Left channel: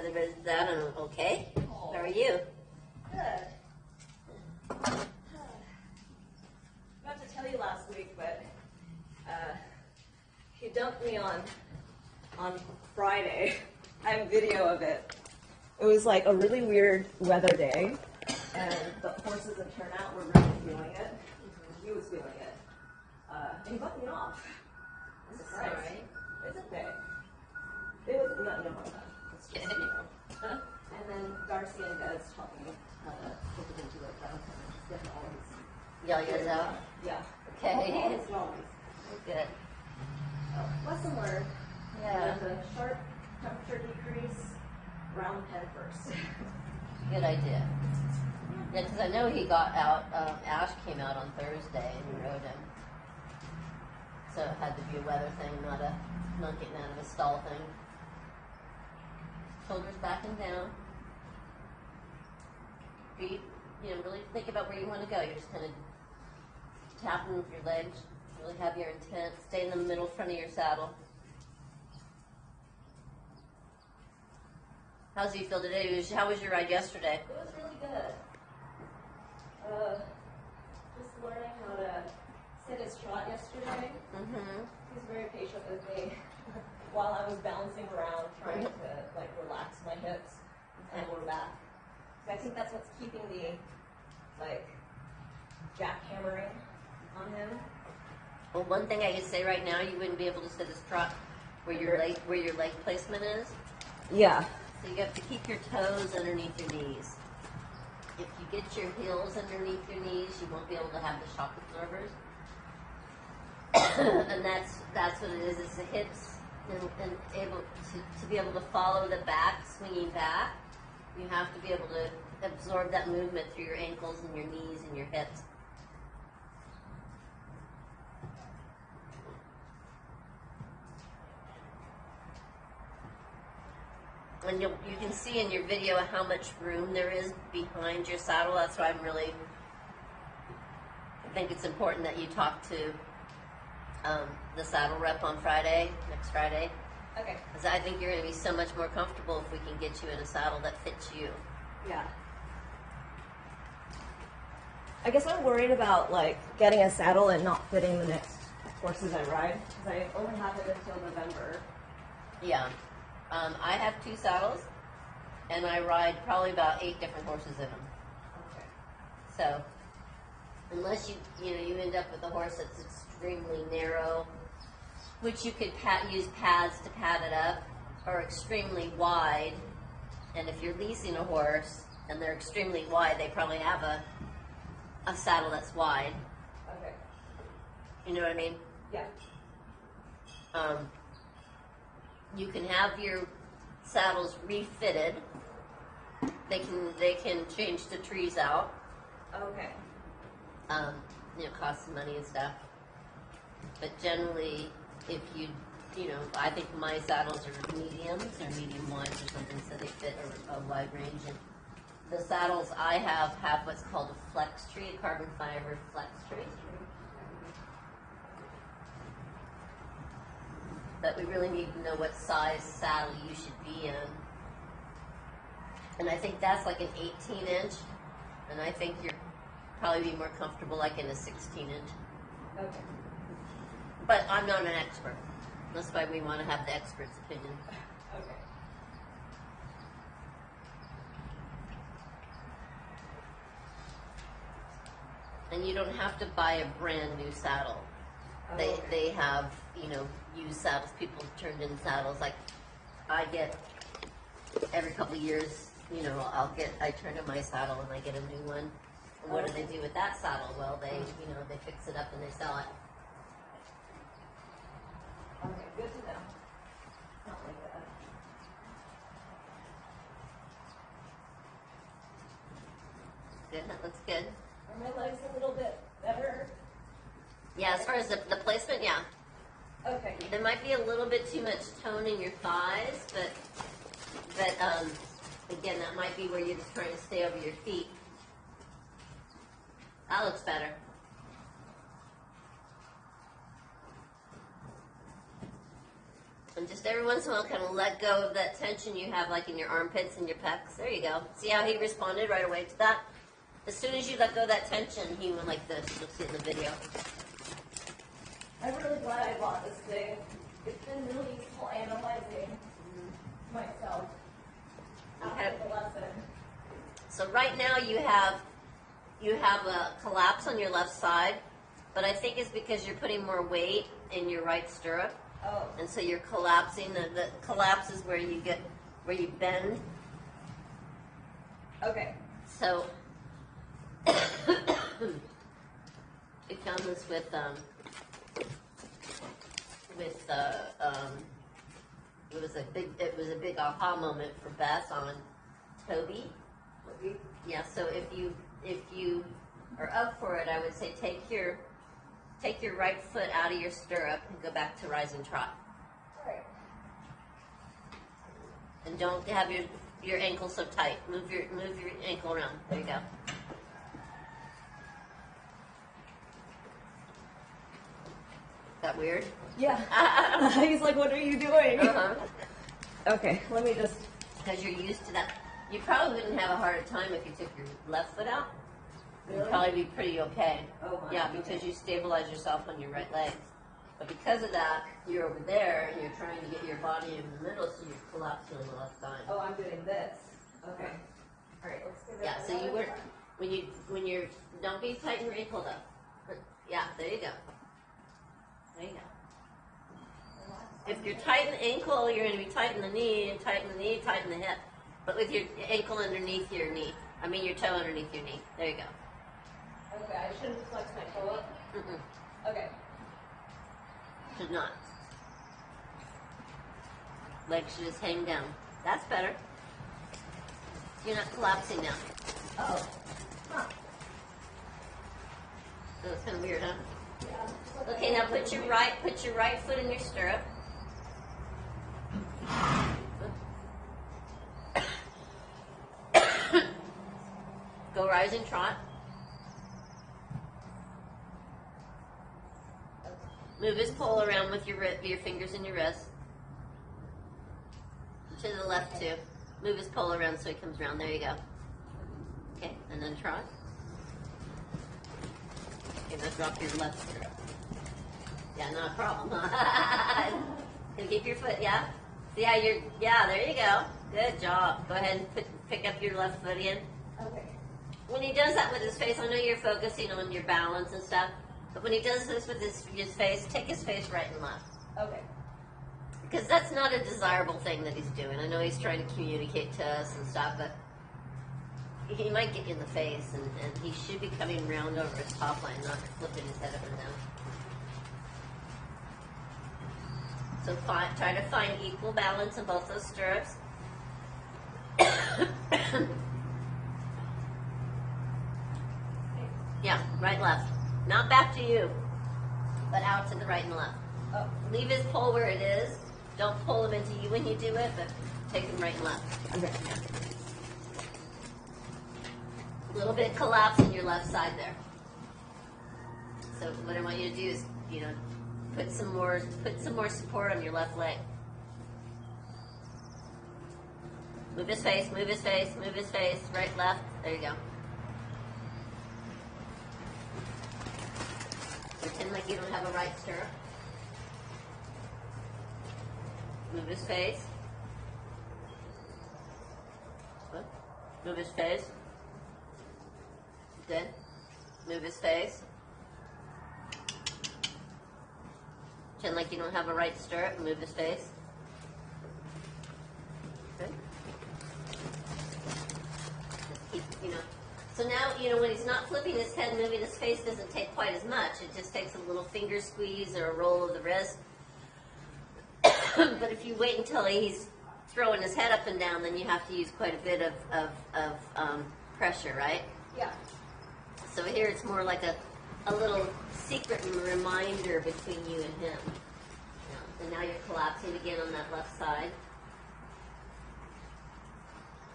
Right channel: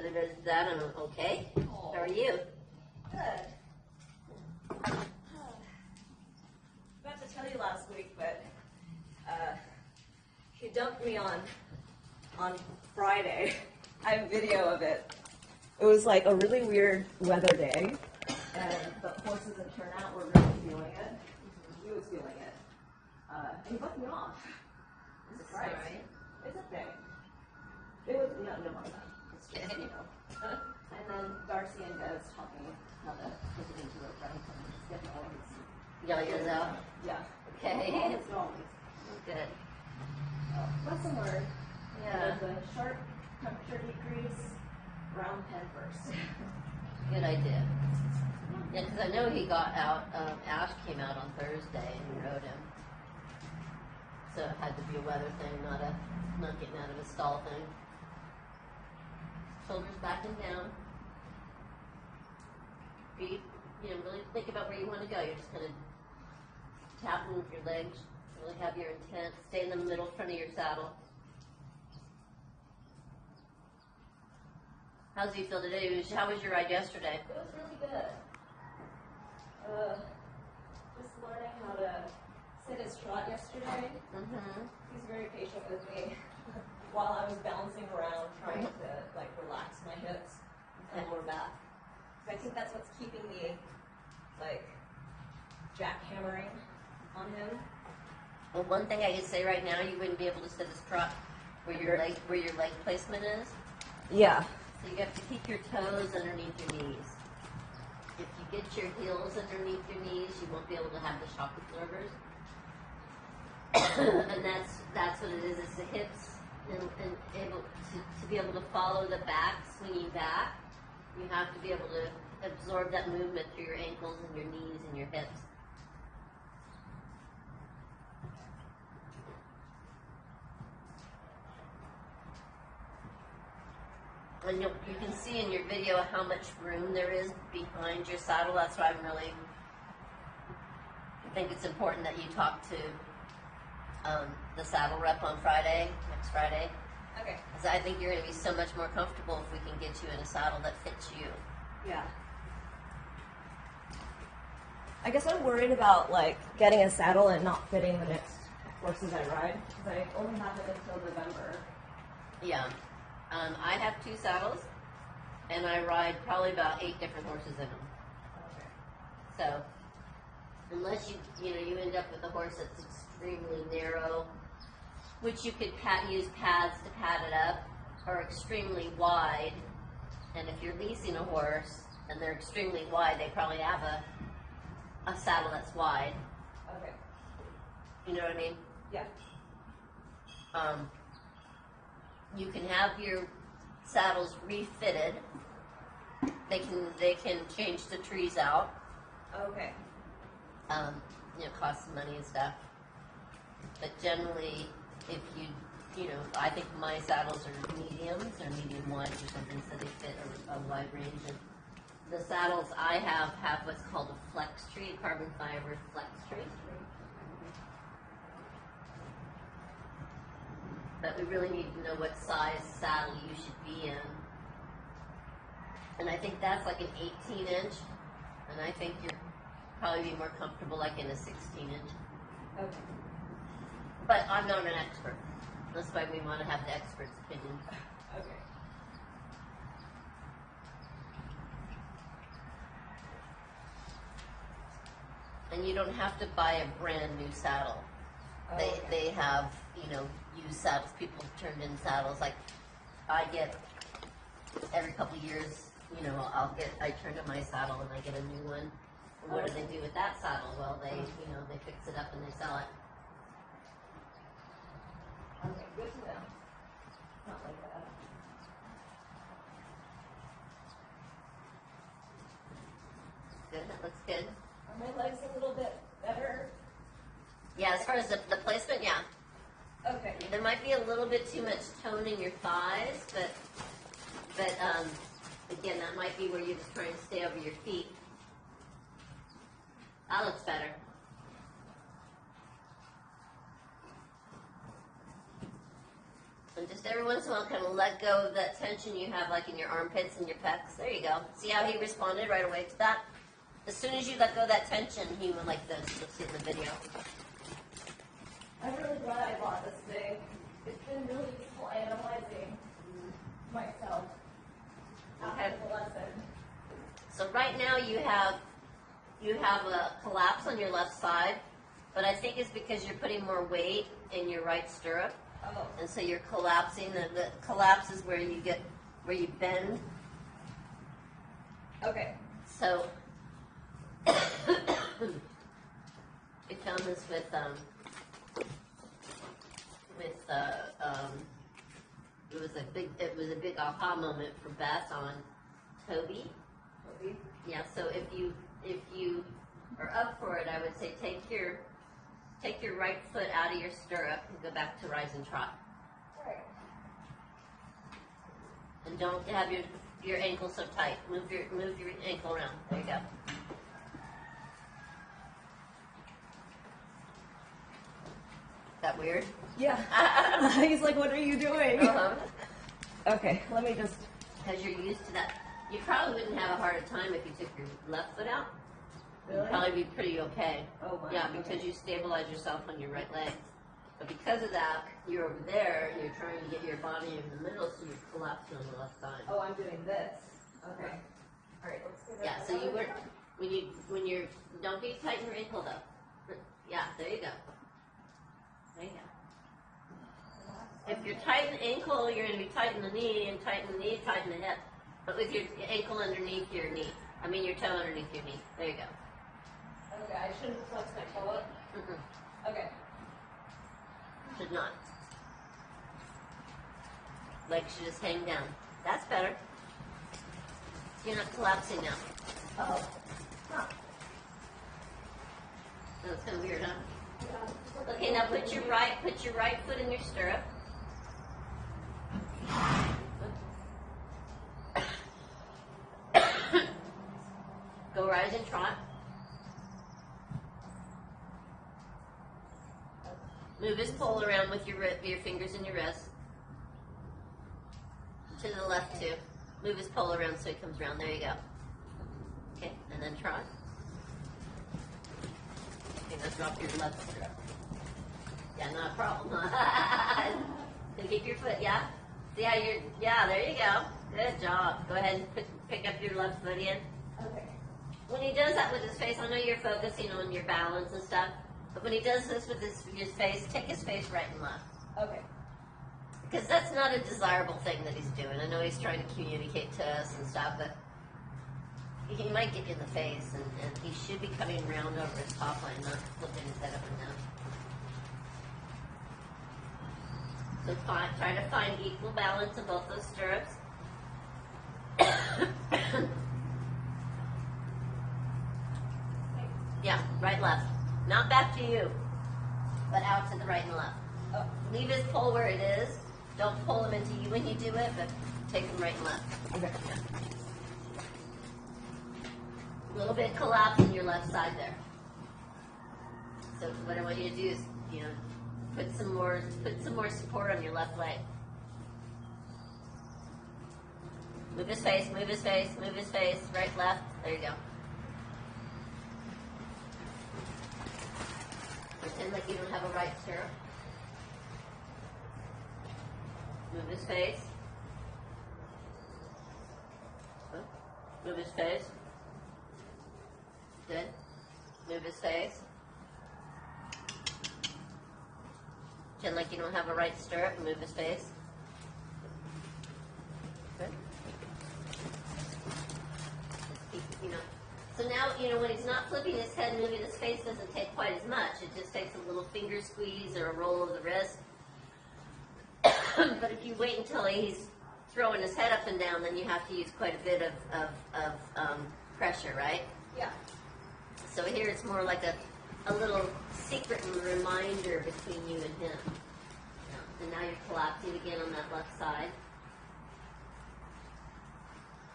another visit with that, and okay. Oh. How are you? Good. Forgot to tell you last week, but he dumped me on Friday. I have video of it. It was like a really weird weather day, and the horses in turnout were really feeling it. He was feeling it. And he bumped me off. Is it alright? It's okay. It was, yeah, no, it's just, you know. And then Darcy and Des taught me how to put it into a gun and just get all of his, Yell yours out? yeah. Okay. All his noise. Good. Lesson learned. Yeah. There's a sharp temperature decrease around pen first. Good idea. Yeah, because I know he got out, Ash came out on Thursday and we rode him. So it had to be a weather thing, not getting out of a stall thing. Shoulders back and down. Breathe, really think about where you want to go. You're just kind of tapping with your legs, really have your intent. Stay in the middle front of your saddle. How does he feel today? How was your ride yesterday? It was really good. Just learning how to sit his trot yesterday. Mm-hmm. He's very patient with me while I was bouncing around trying to like relax my hips and lower back. I think that's what's keeping the like jackhammering on him. Well, one thing I can say right now, you wouldn't be able to sit his trot where your leg placement is. Yeah. So you have to keep your toes underneath your knees. If you get your heels underneath your knees, you won't be able to have the shock absorbers. And that's what it is. It's the hips and able to be able to follow the back, swinging back. You have to be able to absorb that movement through your ankles and your knees and your hips. And you can see in your video how much room there is behind your saddle. That's why I think it's important that you talk to the saddle rep on Friday, next Friday. Okay. Because I think you're going to be so much more comfortable if we can get you in a saddle that fits you. Yeah. I guess I'm worried about like getting a saddle and not fitting the next horses I ride because I only have it until November. Yeah. I have 2 saddles, and I ride probably about 8 different horses in them. Okay. So, unless you end up with a horse that's extremely narrow, which you could use pads to pad it up, or extremely wide. And if you're leasing a horse and they're extremely wide, they probably have a saddle that's wide. Okay. You know what I mean? Yeah. You can have your saddles refitted. They can change the trees out. Okay. Cost some money and stuff. But generally, if I think my saddles are mediums or medium wides or something, so they fit a wide range. And the saddles I have what's called a flex tree, carbon fiber flex tree. But we really need to know what size saddle you should be in. And I think that's like an 18-inch, and I think you're probably be more comfortable like in a 16-inch. Okay. But I'm not an expert. That's why we want to have the expert's opinion. Okay. And you don't have to buy a brand new saddle. They have, used saddles. People have turned in saddles. Like I get every couple of years, I turn in my saddle and I get a new one. And what do they do with that saddle? Well, they fix it up and they sell it. Okay, good to know. Not like that. Good, that looks good. Are my legs a little bit better? Yeah, as far as the placement, yeah. Okay. There might be a little bit too much tone in your thighs, but again, that might be where you're just trying to stay over your feet. That looks better. And just every once in a while, kind of let go of that tension you have, like in your armpits and your pecs. There you go. See how he responded right away to that? As soon as you let go of that tension, he went like this. Let's see in the video. I'm really glad I bought this thing. It's been really useful analyzing myself after the lesson. So right now you have a collapse on your left side, but I think it's because you're putting more weight in your right stirrup. Oh. And so you're collapsing. The collapse is where you bend. Okay. So we found this with it was a big aha moment for Beth on Toby. Yeah. So if you are up for it, I would say take your right foot out of your stirrup and go back to rise and trot. Alright. And don't have your ankle so tight. Move your ankle around. There you go. Is that weird? Yeah. He's like, what are you doing? Uh-huh. Okay, let me just. Because you're used to that. You probably wouldn't have a harder time if you took your left foot out. Really? You'd probably be pretty okay. Oh my. Yeah, because you stabilize yourself on your right leg. But because of that, you're over there and you're trying to get your body in the middle, so you're collapsing on the left side. Oh, I'm doing this. Okay. Alright, let's give it Yeah, so you another would, try. when you're, don't be tight in your ankle though. Yeah, there you go. There you go. If you're tight in the ankle, you're going to be tight in the knee, and tight in the knee, tight in the hip. But with your ankle underneath your knee, your toe underneath your knee. There you go. Okay, I shouldn't flex my toe up. Okay. Should not. Legs should just hang down. That's better. You're not collapsing now. Oh. Huh. So it's kind of weird, huh? Yeah. Okay, now put your right foot in your stirrup. Go rise and trot. Move his pole around with your fingers and your wrist. To the left too. Move his pole around so he comes around. There you go. Okay, and then trot. Okay, now drop your left stirrup. Yeah, not a problem. And keep your foot, yeah? See how there you go. Good job. Go ahead and pick up your left foot in. Okay. When he does that with his face, I know you're focusing on your balance and stuff, but when he does this with his face, take his face right and left. Okay. Because that's not a desirable thing that he's doing. I know he's trying to communicate to us and stuff, but he might get you in the face, and he should be coming round over his top line, not flipping his head up and down. So try to find equal balance in both those stirrups. Yeah, right, left. Not back to you, but out to the right and left. Oh. Leave his pole where it is. Don't pull him into you when you do it, but take him right and left. Okay. A little bit collapse in your left side there. So what I want you to do is, put some more support on your left leg. Move his face, move his face, move his face, right, left. There you go. Pretend like you don't have a right stirrup. Move his face. Move his face. Good. Move his face. Pretend like you don't have a right stirrup. Move his face. Good. So now, when he's not flipping his head, moving his face doesn't take quite as much. It just takes a little finger squeeze or a roll of the wrist. But if you wait until he's throwing his head up and down, then you have to use quite a bit of pressure, right? Yeah. So here it's more like a little secret and reminder between you and him. And now you're collapsing again on that left side.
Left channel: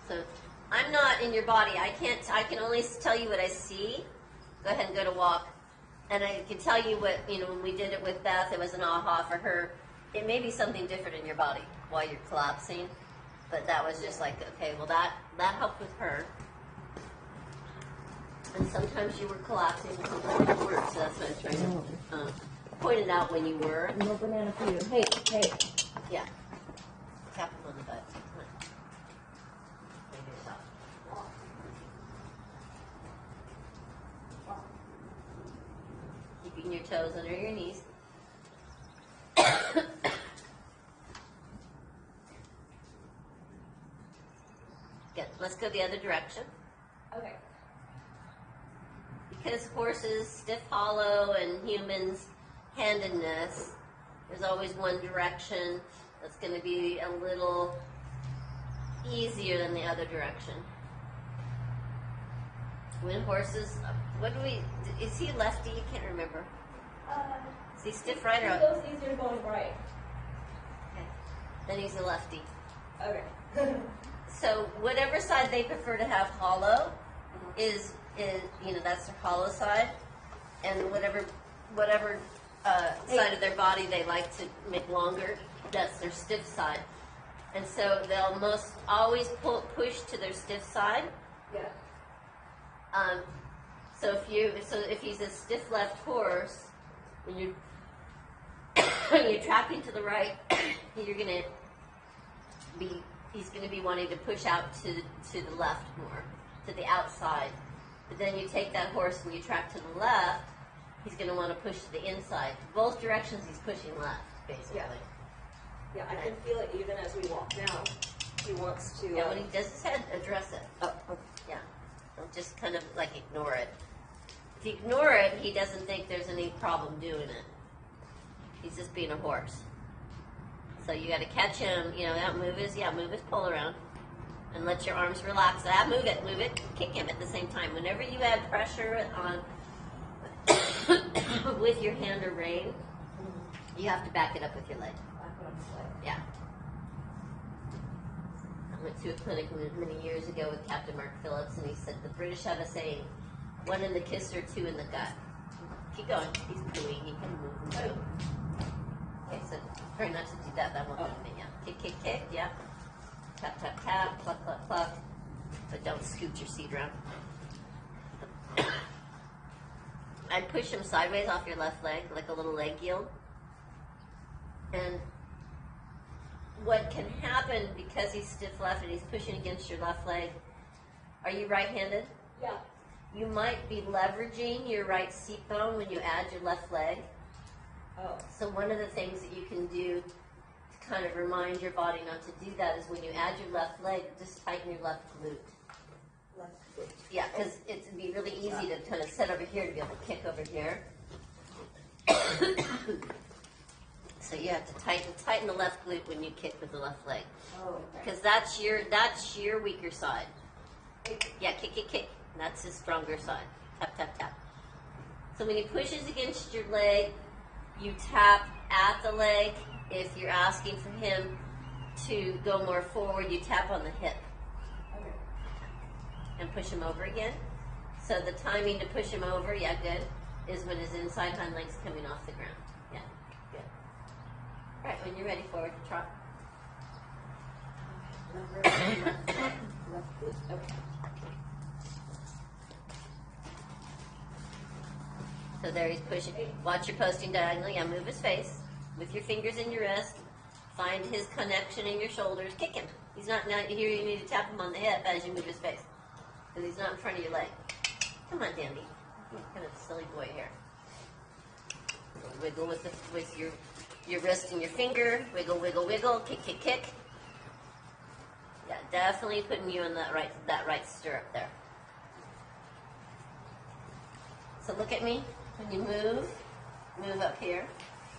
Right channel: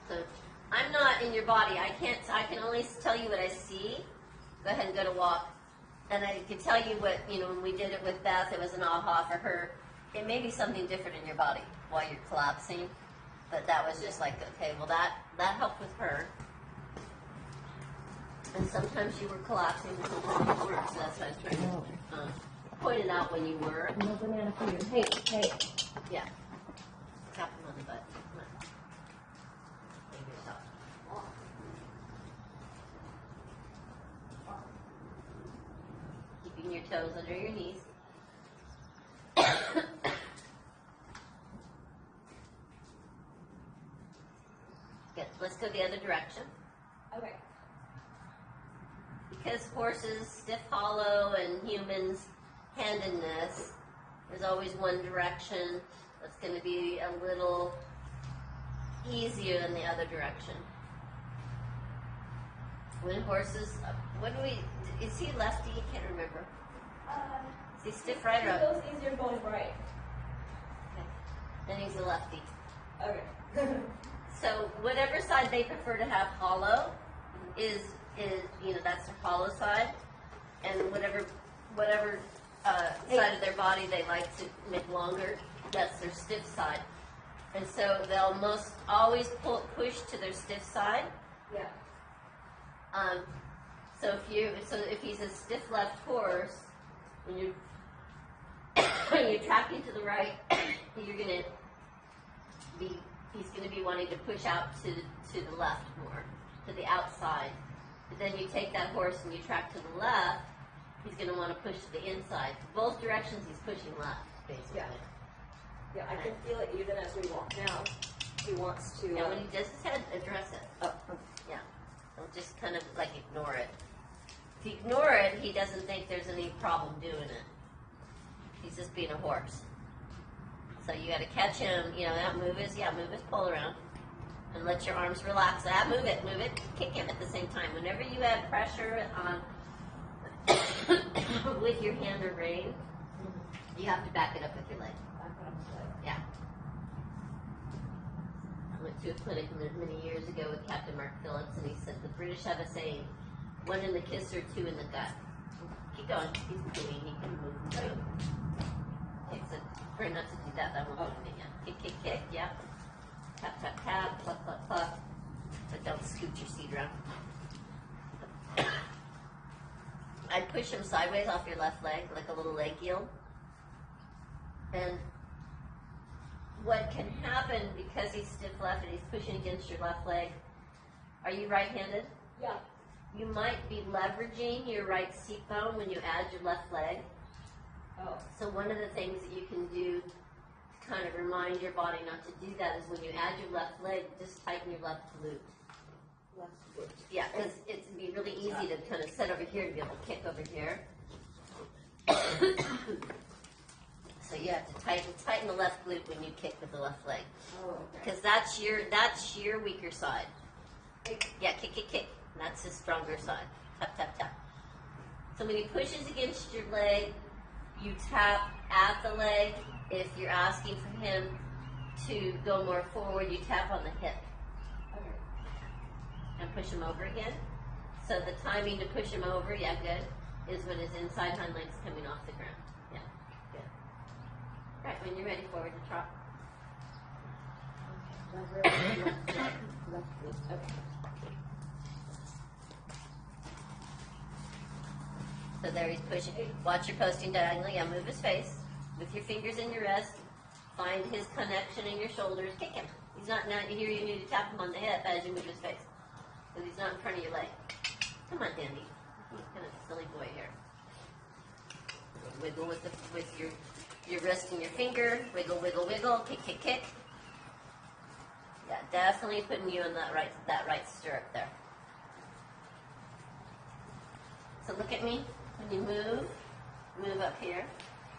So I'm not in your body. I can only tell you what I see. Go ahead and go to walk. And I can tell you what, when we did it with Beth, it was an aha for her. it may be something different in your body while you're collapsing, but that was just like, okay, well that helped with her. And sometimes you were collapsing, and sometimes you weren't, so that's why I'm trying to point it out when you were. No banana for you. Hey, hey. Yeah. Tap it on the butt. Keeping your toes under your knees. Good. Let's go the other direction. Okay. Because horses stiff hollow and humans handedness, there's always one direction that's going to be a little easier than the other direction. When horses, is he lefty? I can't remember. Is he stiff right or It up? goes easier going right. Okay. Then he's a lefty. Okay. So whatever side they prefer to have hollow is that's their hollow side, and whatever side of their body they like to make longer, that's their stiff side. And so they'll most always push to their stiff side. Yeah. So if he's a stiff left horse, when you're tracking to the right, he's gonna be wanting to push out to the left more, to the outside. But then you take that horse and you track to the left, he's gonna want to push to the inside. Both directions he's pushing left, basically. Yeah, I can feel it even as we walk now. He wants to. Yeah, when he does his head, address it. Oh, okay. Yeah. Don't just kind of like ignore it. If you ignore it, he doesn't think there's any problem doing it. He's just being a horse. So you got to catch him, move his pole around. And let your arms relax. Move it, kick him at the same time. Whenever you add pressure with your hand or rein, you have to back it up with your leg. Yeah. I went to a clinic many years ago with Captain Mark Phillips, and he said the British have a saying, one in the kisser, two in the gut. Keep going. He's pooing. He can move. Too. Okay, so try not to do that. That won't help me. Yeah. Kick. Yeah. Tap, tap, tap. Pluck, pluck, pluck. But don't scoot your seat around. I'd push him sideways off your left leg, like a little leg yield. And what can happen because he's stiff left and he's pushing against your left leg, are you right-handed? Yeah. You might be leveraging your right seat bone when you add your left leg. Oh. So one of the things that you can do to kind of remind your body not to do that is when you add your left leg, just tighten your left glute. Left foot. Yeah, because it'd be really easy to kind of sit over here to be able to kick over here. So you have to tighten the left glute when you kick with the left leg, Oh, okay. because that's your weaker side. Yeah, kick. That's the stronger side. Tap, tap, tap. So when he pushes against your leg, you tap at the leg. If you're asking for him to go more forward, you tap on the hip Okay. and push him over again. So the timing to push him over, yeah, good, is when his inside hind leg's coming off the ground. Yeah, good. All right, when you're ready, forward trot. Left foot. Okay. So there he's pushing. Watch your posting diagonally. Yeah, move his face with your fingers in your wrist. Find his connection in your shoulders. Kick him. He's not here. You need to tap him on the hip as you move his face, because he's not in front of your leg. Come on, Dandy. You're kind of a silly boy here. Wiggle with your wrist and your finger. Wiggle, wiggle, wiggle. Kick, kick. Yeah, definitely putting you in that right stirrup there. So look at me. When you move up here.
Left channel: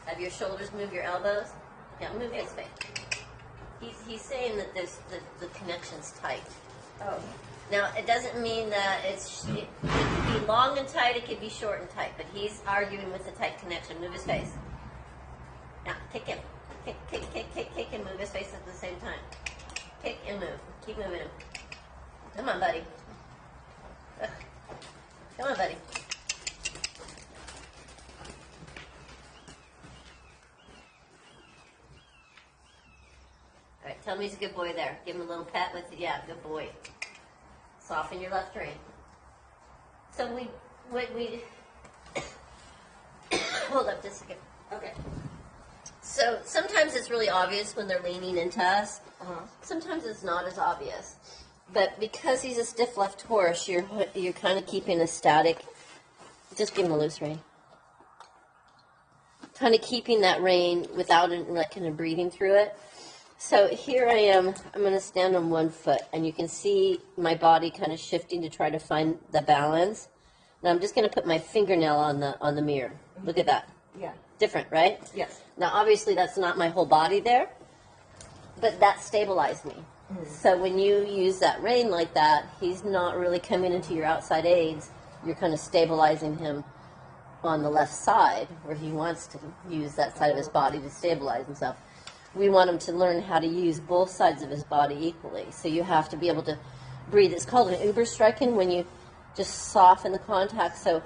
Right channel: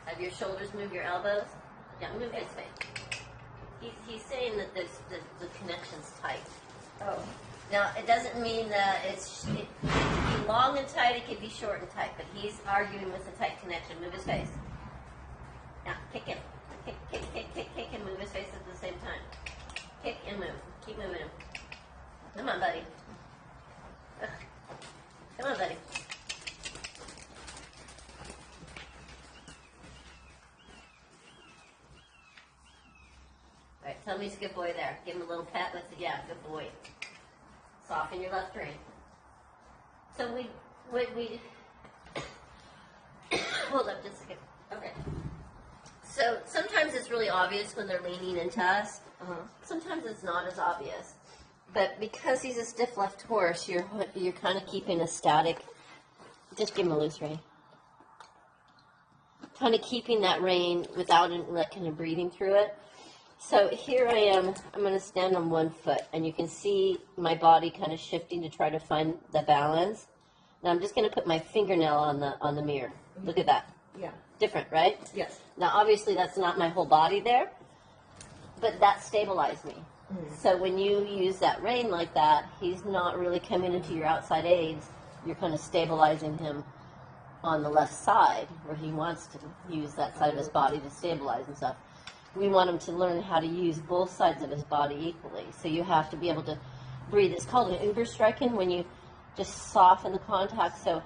Have your shoulders, move your elbows. Yeah, move his face. He's saying that the connection's tight. Oh. Now, it doesn't mean that it could be long and tight, it could be short and tight, but he's arguing with a tight connection. Move his face. Now, kick him. Kick and move his face at the same time. Kick and move. Keep moving him. Come on, buddy. Come on, buddy. Tell me he's a good boy there. Give him a little pet with it. Yeah, good boy. Soften your left rein. So we hold up just a second. Okay. So sometimes it's really obvious when they're leaning into us. Sometimes it's not as obvious. But because he's a stiff left horse, you're kind of keeping a static. Just give him a loose rein. Kind of keeping that rein without like kind of breathing through it. So here I am. I'm going to stand on one foot, and you can see my body kind of shifting to try to find the balance. Now I'm just going to put my fingernail on the mirror. Look at that. Yeah. Different, right? Yes. Now obviously that's not my whole body there, but that stabilized me. So when you use that rein like that, he's not really coming into your outside aids. You're kind of stabilizing him on the left side where he wants to use that side of his body to stabilize himself. We want him to learn how to use both sides of his body equally. So you have to be able to breathe. It's called an Überstrecken when you just soften the contact. So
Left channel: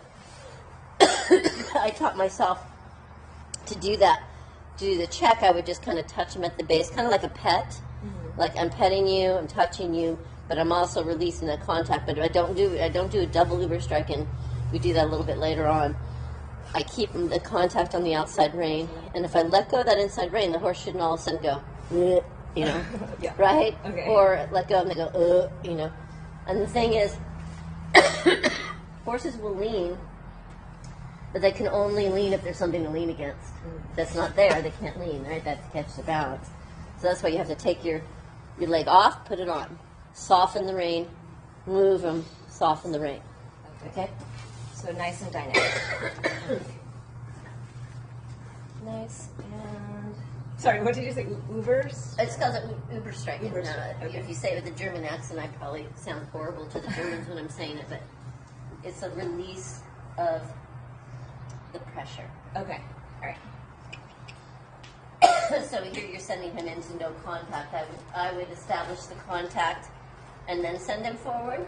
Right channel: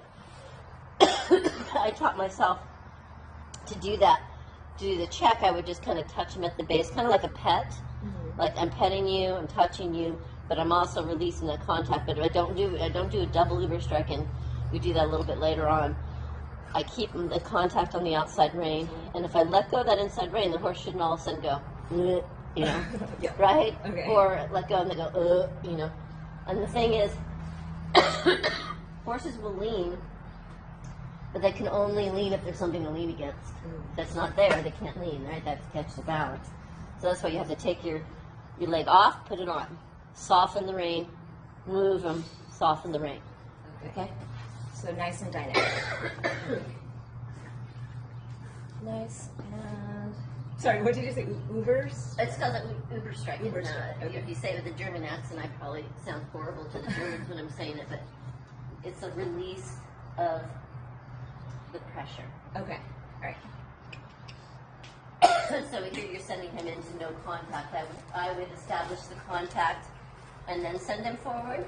I taught myself to do that. To do the check, I would just kind of touch him at the base, kind of like a pet. Like I'm petting you, I'm touching you, but I'm also releasing that contact. But I don't do a double Überstrecken. We do that a little bit later on. I keep the contact on the outside rein, and if I let go of that inside rein, the horse shouldn't all of a sudden go, you know, Yeah. right? Okay. Or let go and they go, you know. And the thing is, horses will lean, but they can only lean if there's something to lean against. If that's not there, they can't lean, right? That's to catch the balance. So that's why you have to take your leg off, put it on, soften the rein, move them, soften the rein. Okay? So nice and dynamic. Nice and... Sorry, what did you say? Ubers? It's called an Überstrecken. Überstrecken, okay. If you say it with a German accent, I probably sound horrible to the Germans when I'm saying it, but it's a release of the pressure. Okay, all right. So here you're sending him into no contact. I would establish the contact and then send him forward.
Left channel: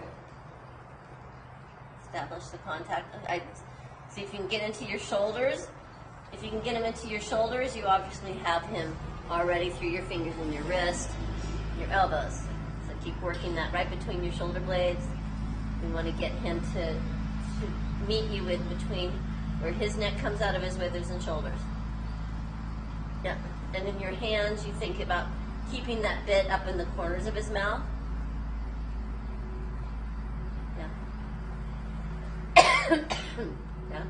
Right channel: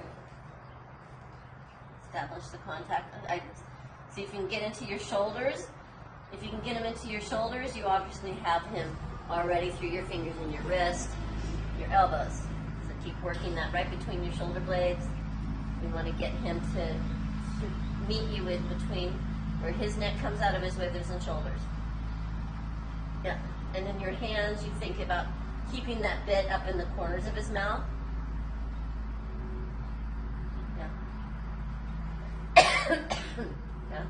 Establish the contact. See if you can get into your shoulders. If you can get him into your shoulders, you obviously have him already through your fingers and your wrist, your elbows. So keep working that right between your shoulder blades. We want to get him to meet you with between where his neck comes out of his withers and shoulders. Yeah. And in your hands, you think about keeping that bit up in the corners of his mouth. Yeah. Yeah.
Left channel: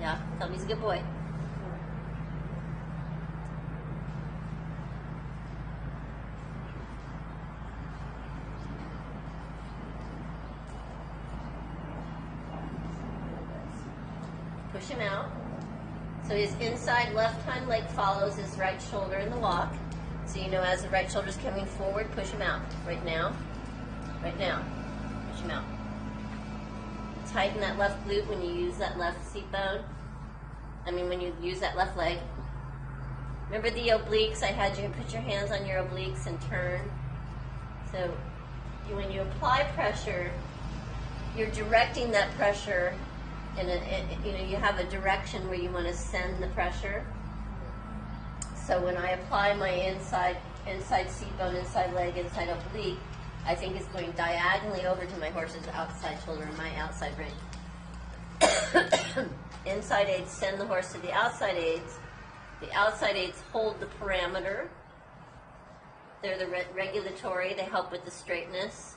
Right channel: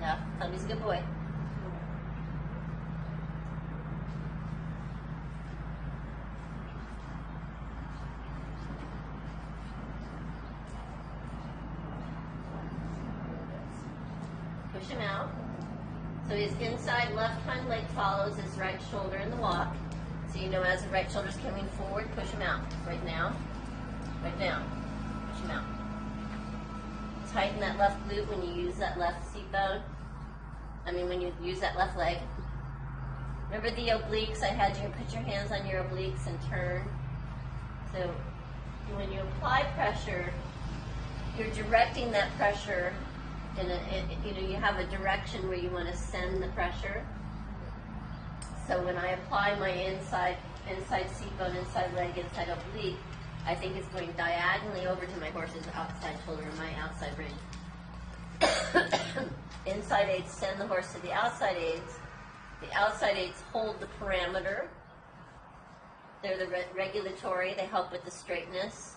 Yeah, tell me he's a good boy. Push him out. So his inside left hind leg follows his right shoulder in the walk. So you know as the right shoulder's coming forward, push him out. Right now. Right now. Push him out. Tighten that left glute when you use that left seat bone. When you use that left leg. Remember the obliques? I had you put your hands on your obliques and turn. So when you apply pressure, you're directing that pressure you have a direction where you want to send the pressure. So when I apply my inside seat bone, inside leg, inside oblique, I think it's going diagonally over to my horse's outside shoulder and my outside rein. Inside aids send the horse to the outside aids. The outside aids hold the parameter. They're the regulatory. They help with the straightness,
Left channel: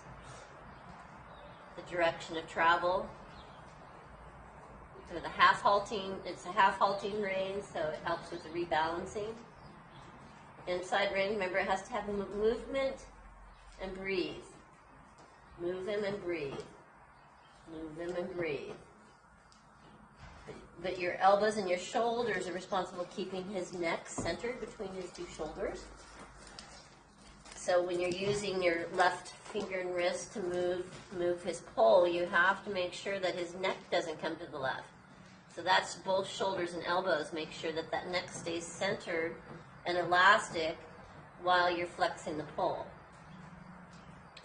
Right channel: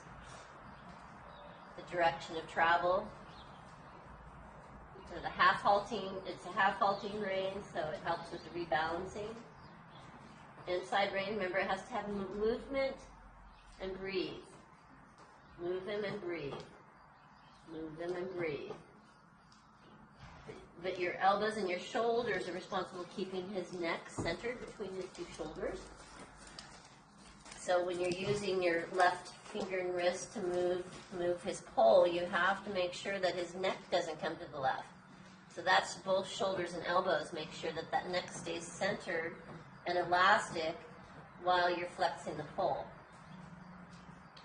the direction of travel. So the half halting, it's a half halting rein, so it helps with the rebalancing. Inside rein, remember it has to have movement and breathe. Move them and breathe. Move them and breathe. But your elbows and your shoulders are responsible for keeping his neck centered between his two shoulders. So when you're using your left finger and wrist to move his pole, you have to make sure that his neck doesn't come to the left. So that's both shoulders and elbows. Make sure that that neck stays centered and elastic while you're flexing the pole.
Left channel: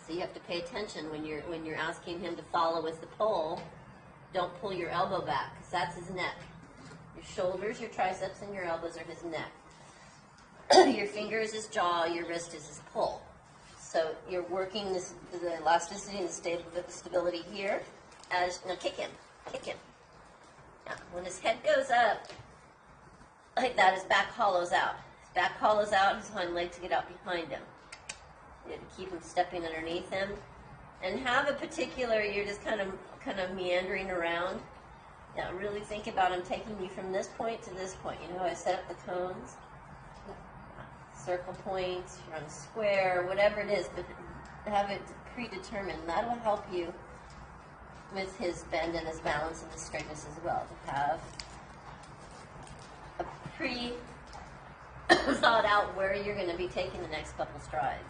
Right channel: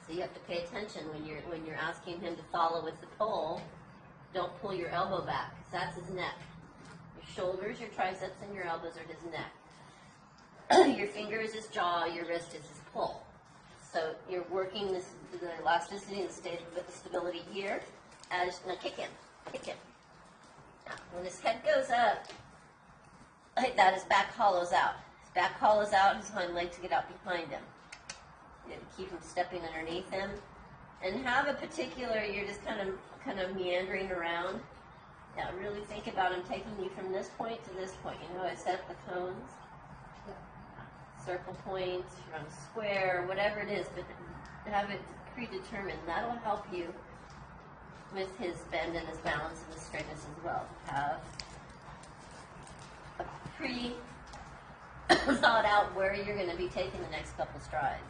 So you have to pay attention when you're asking him to follow with the pole. Don't pull your elbow back, because that's his neck. Your shoulders, your triceps, and your elbows are his neck. Your finger is his jaw, your wrist is his pull. So you're working the elasticity and the stability here. Now kick him. Now, when his head goes up, like that, his back hollows out. His back hollows out, his hind legs get out behind him. You have to keep him stepping underneath him. And have a particular, you're just kind of meandering around. Yeah, really think about him taking you from this point to this point. You know, I set up the cones, circle points, run square, whatever it is, but have it predetermined. That will help you with his bend and his balance and his straightness as well. Have a thought out where you're going to be taking the next couple strides.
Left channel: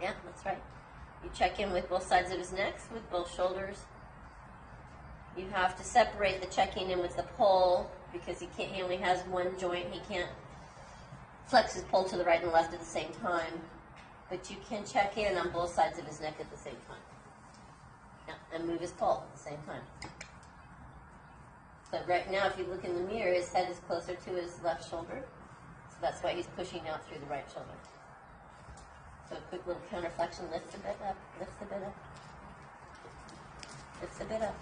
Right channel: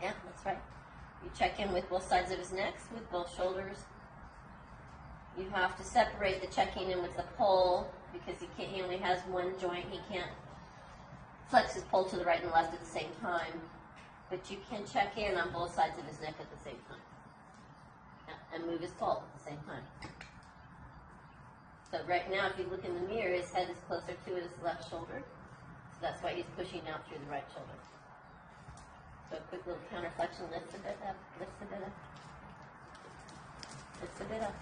Yeah, that's right. You check in with both sides of his neck, with both shoulders. You have to separate the checking in with the pull because he only has one joint. He can't flex his pull to the right and left at the same time. But you can check in on both sides of his neck at the same time. Yeah, and move his pull at the same time. But right now, if you look in the mirror, his head is closer to his left shoulder. So that's why he's pushing out through the right shoulder. So a quick little counterflexion, lift a bit up, lifts a bit up, lifts a bit up.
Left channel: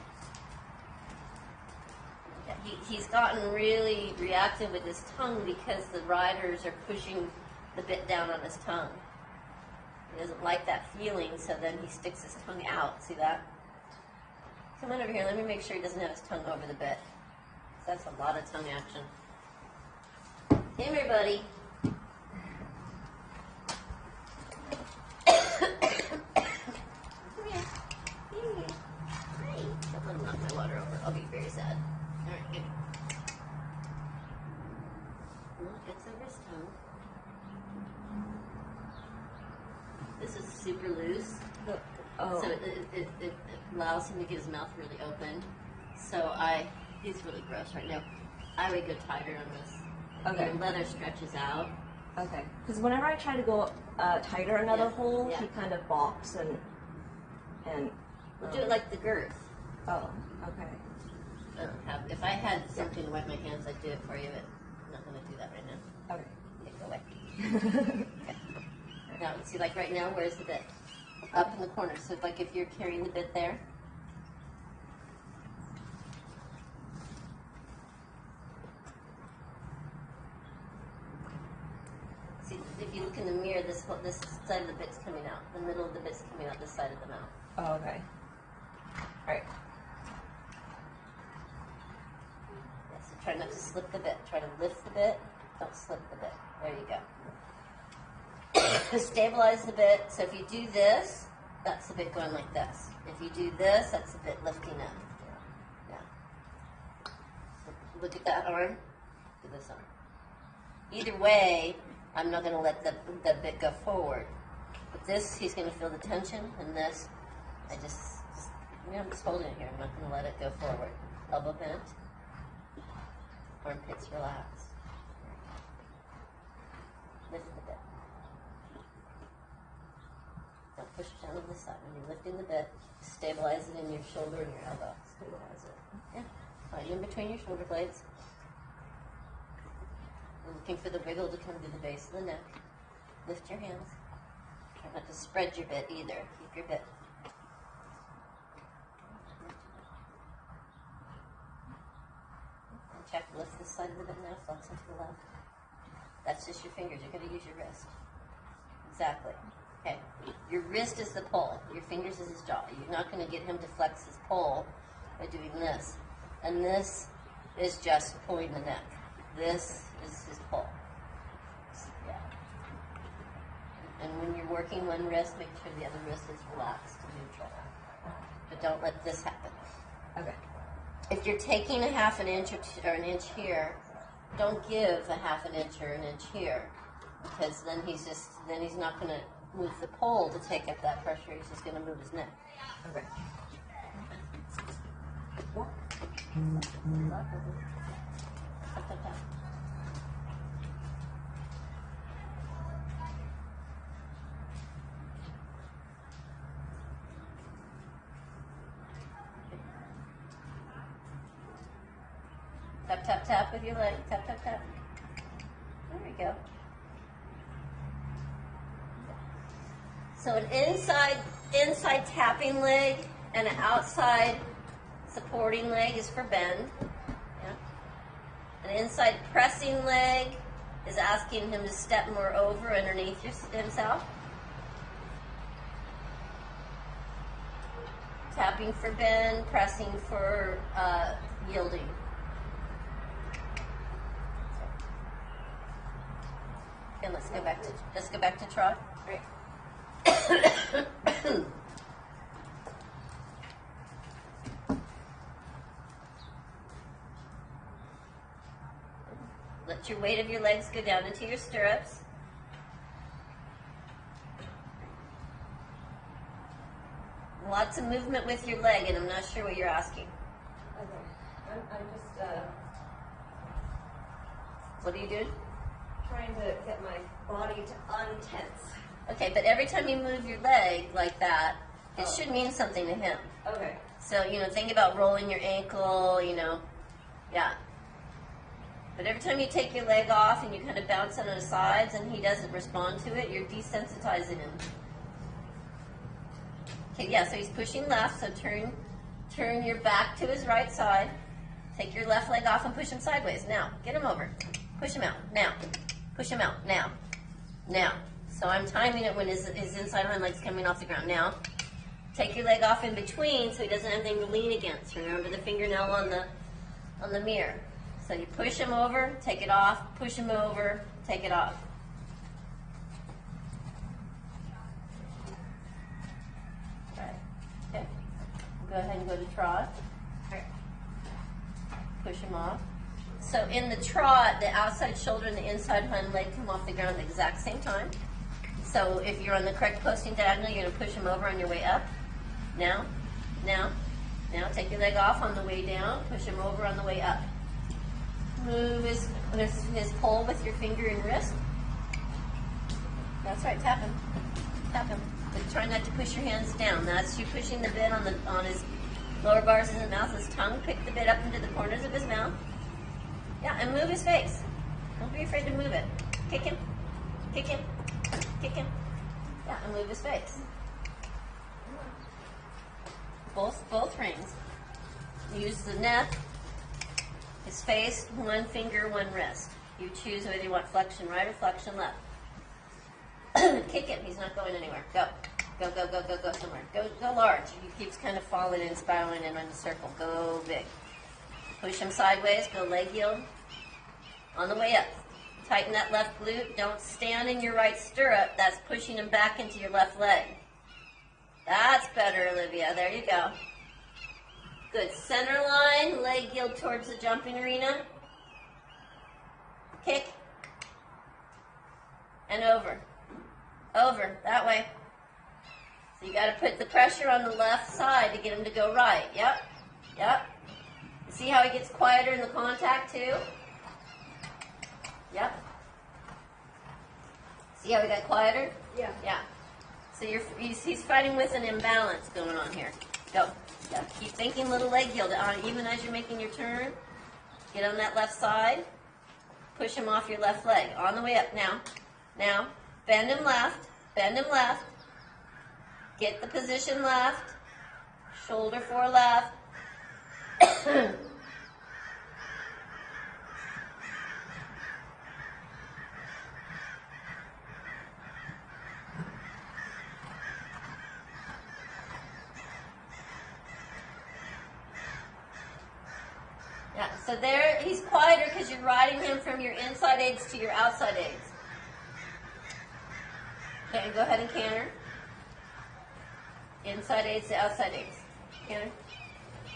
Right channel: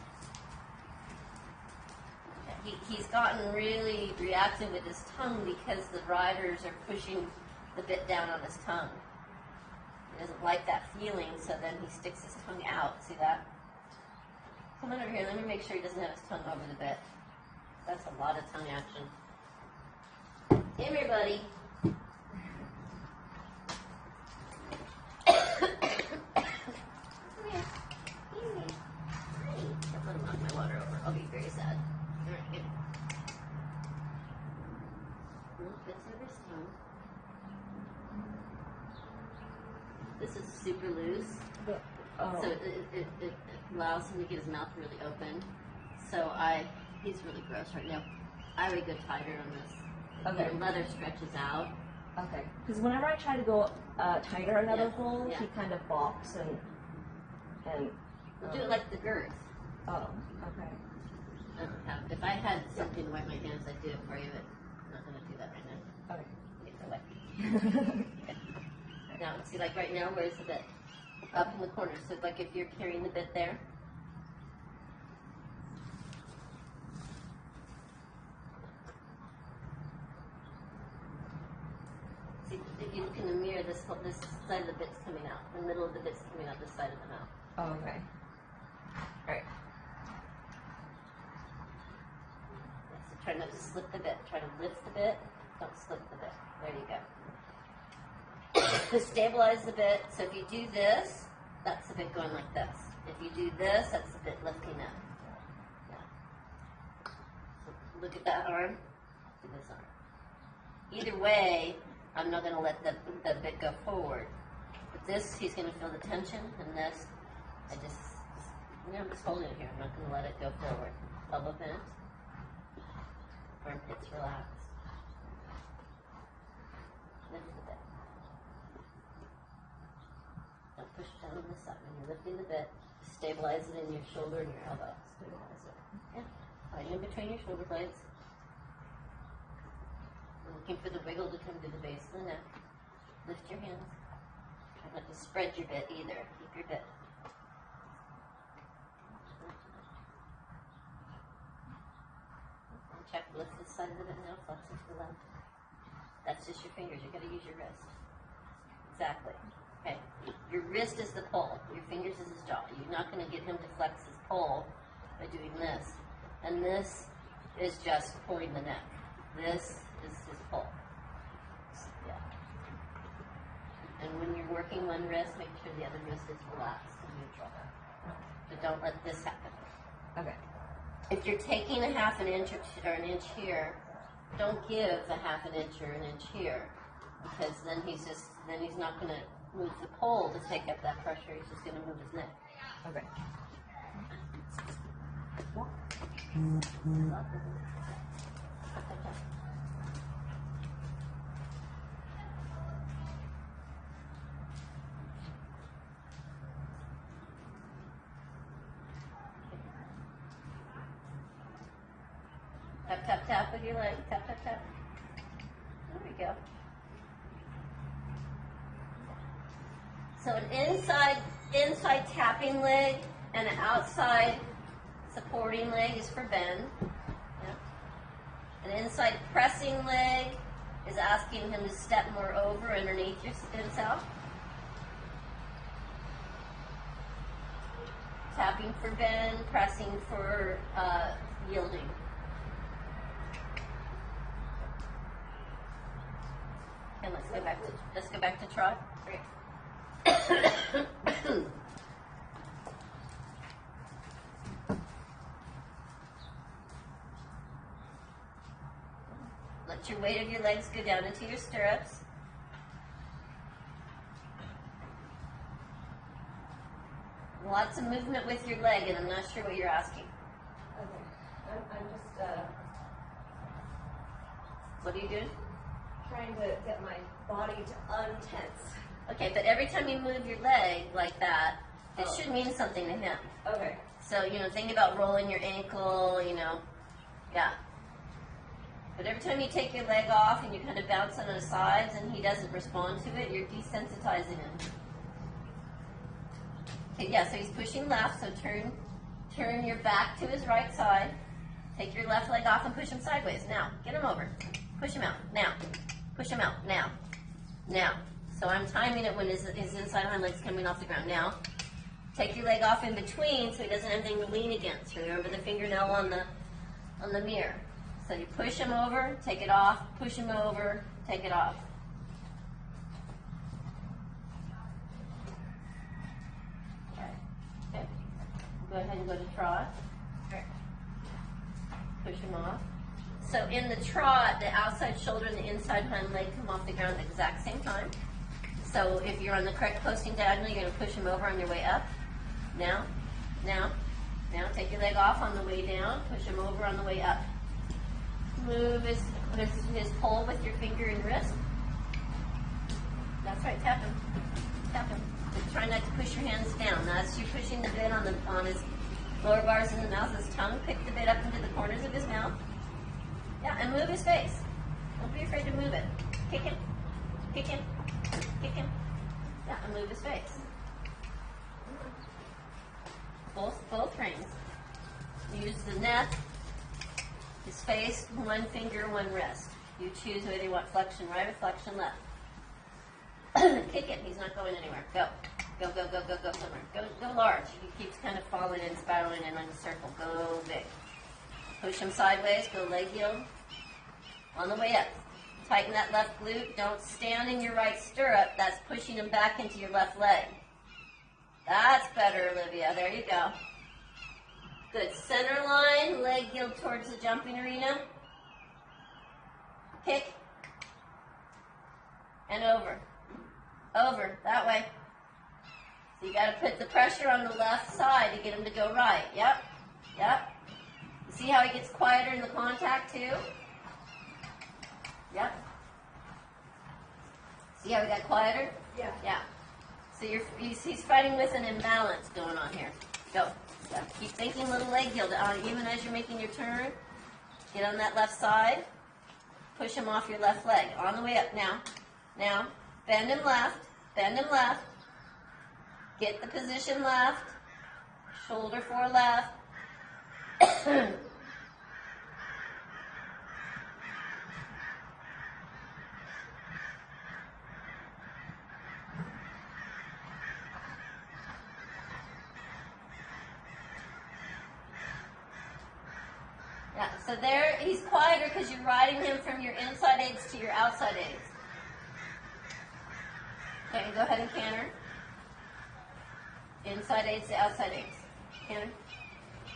Yeah, he's gotten really reactive with his tongue because the riders are pushing the bit down on his tongue. He doesn't like that feeling, so then he sticks his tongue out. See that? Come on over here, let me make sure he doesn't have his tongue over the bit. That's a lot of tongue action. Come here, buddy. I'll be very sad. Alright. Gets over his tongue. This is super loose. So it allows him to get his mouth really open. So he's really gross right now. I would go tighter on this. Okay. The leather stretches out. Okay. Because whenever I try to go tighter another hole, he kind of balks and. We'll do it like the girth. Oh. Okay. If I had something to wipe my hands, I'd do it for you, but I'm not going to do that right now. Okay. Take it away. Now, see, like right now, where's the bit? Up in the corner. So, like if you're carrying the bit there. See, if you look in the mirror, this side of the bit's coming out. The middle of the bit's coming out this side of the mouth. Oh, okay. All right. So try not to slip the bit. Try to lift the bit. Don't slip the bit. There you go. Stabilize the bit. So if you do this, that's the bit going like this. If you do this, that's the bit lifting up. Yeah. So look at that arm. Do this arm. Either way, I'm not going to let the bit go forward. But this, he's going to feel the tension, and this, I'm just holding it here. I'm not going to let it go forward. Elbow bent. Armpits relaxed. Lift the bit. Don't push down on this side. When you're lifting the bit, stabilize it in your shoulder and your elbow. Stabilize it. Yeah. Right in between your shoulder blades. You're looking for the wiggle to come to the base of the neck. Lift your hands. Try not to spread your bit either. Keep your bit. Check, lift this side of the bit now, flex it to the left. That's just your fingers. You're going to use your wrist. Exactly. Okay. Your wrist is the pull. Your fingers is his jaw. You're not going to get him to flex his pull by doing this. And this is just pulling the neck. This is his pull. Yeah. And when you're working one wrist, make sure the other wrist is relaxed and neutral. But don't let this happen. Okay. If you're taking a half an inch or an inch here, don't give a half an inch or an inch here, because then he's not going to move the pole to take up that pressure. He's just going to move his neck. Okay. Tap, tap, tap with your leg. Tap, tap, tap. There we go. So an inside tapping leg and an outside supporting leg is for bend. Yep. An inside pressing leg is asking him to step more over underneath himself. Tapping for bend, pressing for yielding. And let's go back to trot. Right. Let your weight of your legs go down into your stirrups. Lots of movement with your leg, and I'm not sure what you're asking. Okay. I'm just What are you doing? trying to get my body to untense. Okay, but every time you move your leg like that, it Oh. should mean something to him. Okay. So, think about rolling your ankle, yeah. But every time you take your leg off and you kind of bounce on the sides and he doesn't respond to it, you're desensitizing him. Okay, yeah, so he's pushing left, so turn your back to his right side. Take your left leg off and push him sideways. Now, get him over. Push him out. Now. Push him out. Now. Now. So I'm timing it when his inside hind leg's coming off the ground. Now, take your leg off in between so he doesn't have anything to lean against. Remember the fingernail on the mirror. So you push him over, take it off, push him over, take it off. Right. Okay. Go ahead and go to trot. Right. Push him off. So in the trot, the outside shoulder and the inside hind leg come off the ground at the exact same time. So if you're on the correct posting diagonal, you're going to push him over on your way up. Now, now, now. Take your leg off on the way down. Push him over on the way up. Move his pole with your finger and wrist. That's right. Tap him. Tap him. And try not to push your hands down. That's you pushing the bit on his lower bars in the mouth. His tongue. Pick the bit up into the corners of his mouth. Yeah, and move his face. Don't be afraid to move it. Kick him. Kick him. Kick him. Yeah, and move his face. Both rings. Use the neck, his face, one finger, one wrist. You choose whether you want flexion right or flexion left. Kick him. He's not going anywhere. Go. Go, go, go, go, go somewhere. Go large. He keeps kind of falling and spiraling in a circle. Go big. Push him sideways. Go leg yield. On the way up. Tighten that left glute. Don't stand in your right stirrup. That's pushing him back into your left leg. That's better, Olivia. There you go. Good. Center line. Leg yield towards the jumping arena. Kick. And over. Over. That way. So you got to put the pressure on the left side to get him to go right. Yep. Yep. See how he gets quieter in the contact too? Yep. See how he got quieter? Yeah. Yeah. So he's fighting with an imbalance going on here. Go. Yeah. Keep thinking little leg yield. Even as you're making your turn, get on that left side. Push him off your left leg. On the way up now. Now. Bend him left. Bend him left. Get the position left. Shoulder for left. Yeah, so there he's quieter because you're riding him from your inside aids to your outside aids. Okay, go ahead and canter. Inside aids to outside aids. Canter.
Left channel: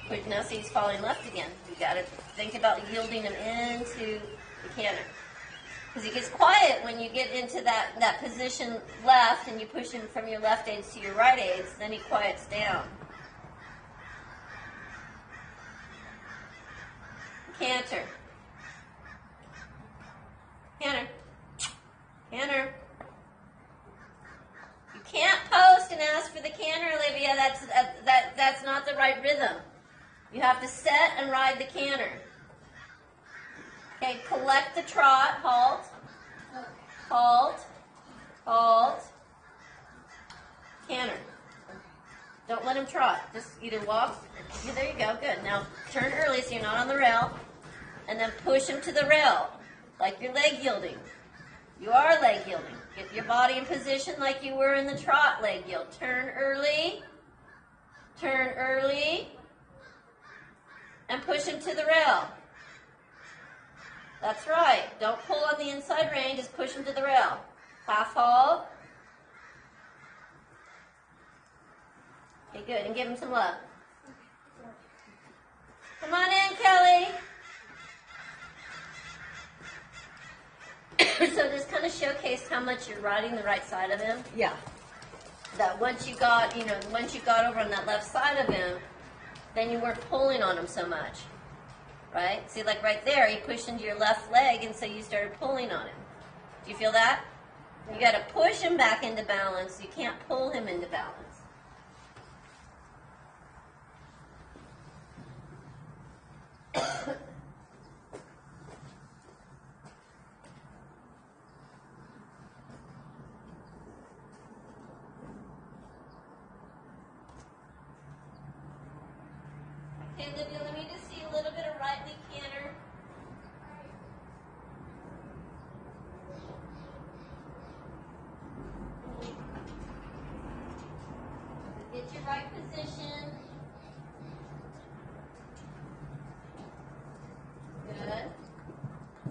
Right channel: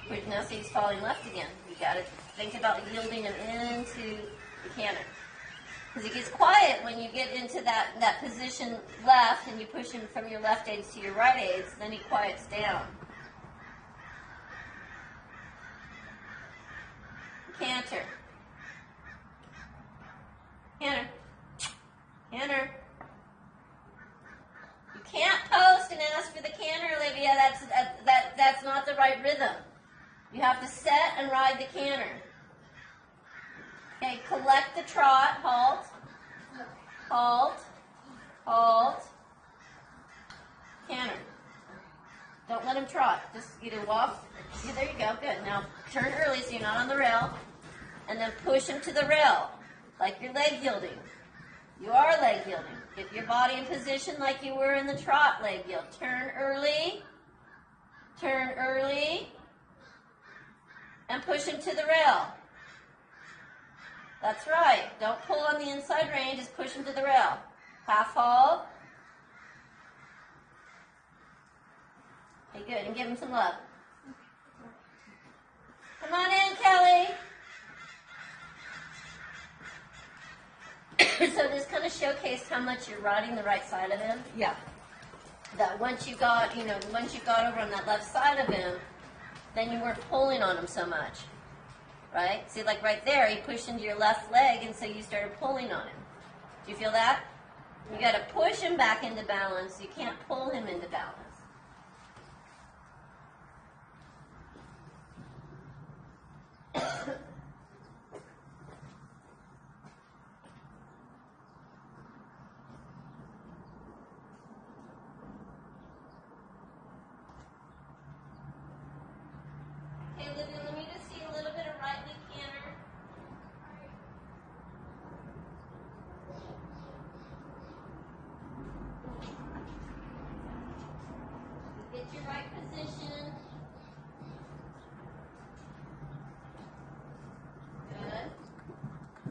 But now see he's falling left again. You got to think about yielding him into the canter. Because he gets quiet when you get into that position left and you push him from your left aids to your right aids, then he quiets down. Canter. Canter. Canter. You can't post and ask for the canter, Olivia. That's not the right rhythm. You have to set and ride the canter. select the trot. Halt. Halt. Halt. Canter. Don't let him trot. Just either walk. Yeah, there you go. Good. Now turn early so you're not on the rail. And then push him to the rail. Like you're leg yielding. You are leg yielding. Get your body in position like you were in the trot leg yield. Turn early. Turn early. And push him to the rail. That's right. Don't pull on the inside rein. Just push him to the rail. Half halt. Okay, good. And give him some love. Come on in, Kelly. So this kind of showcased how much you're riding the right side of him. Yeah. That once you got over on that left side of him, then you weren't pulling on him so much. Right? See, like right there, you pushed into your left leg, and so you started pulling on him. Do you feel that? You got to push him back into balance. You can't pull him into balance. Okay, Olivia, let me just see a little bit of right knee canter. Get your right position. Good.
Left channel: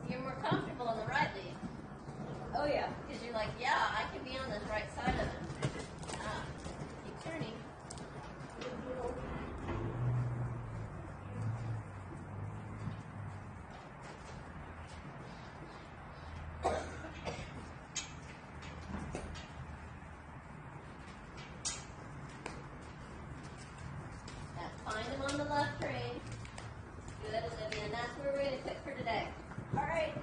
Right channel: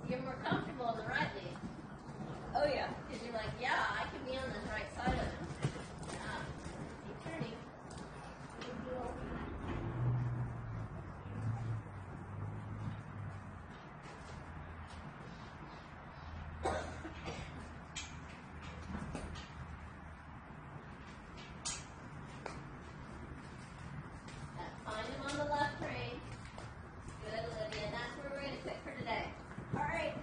You're more comfortable on the right knee. Oh yeah. Because you're like, yeah, I can be on this right side of it. Yeah. Keep turning. Find him on the left rein. Good, Olivia. And that's where we're going to quit for today. All right.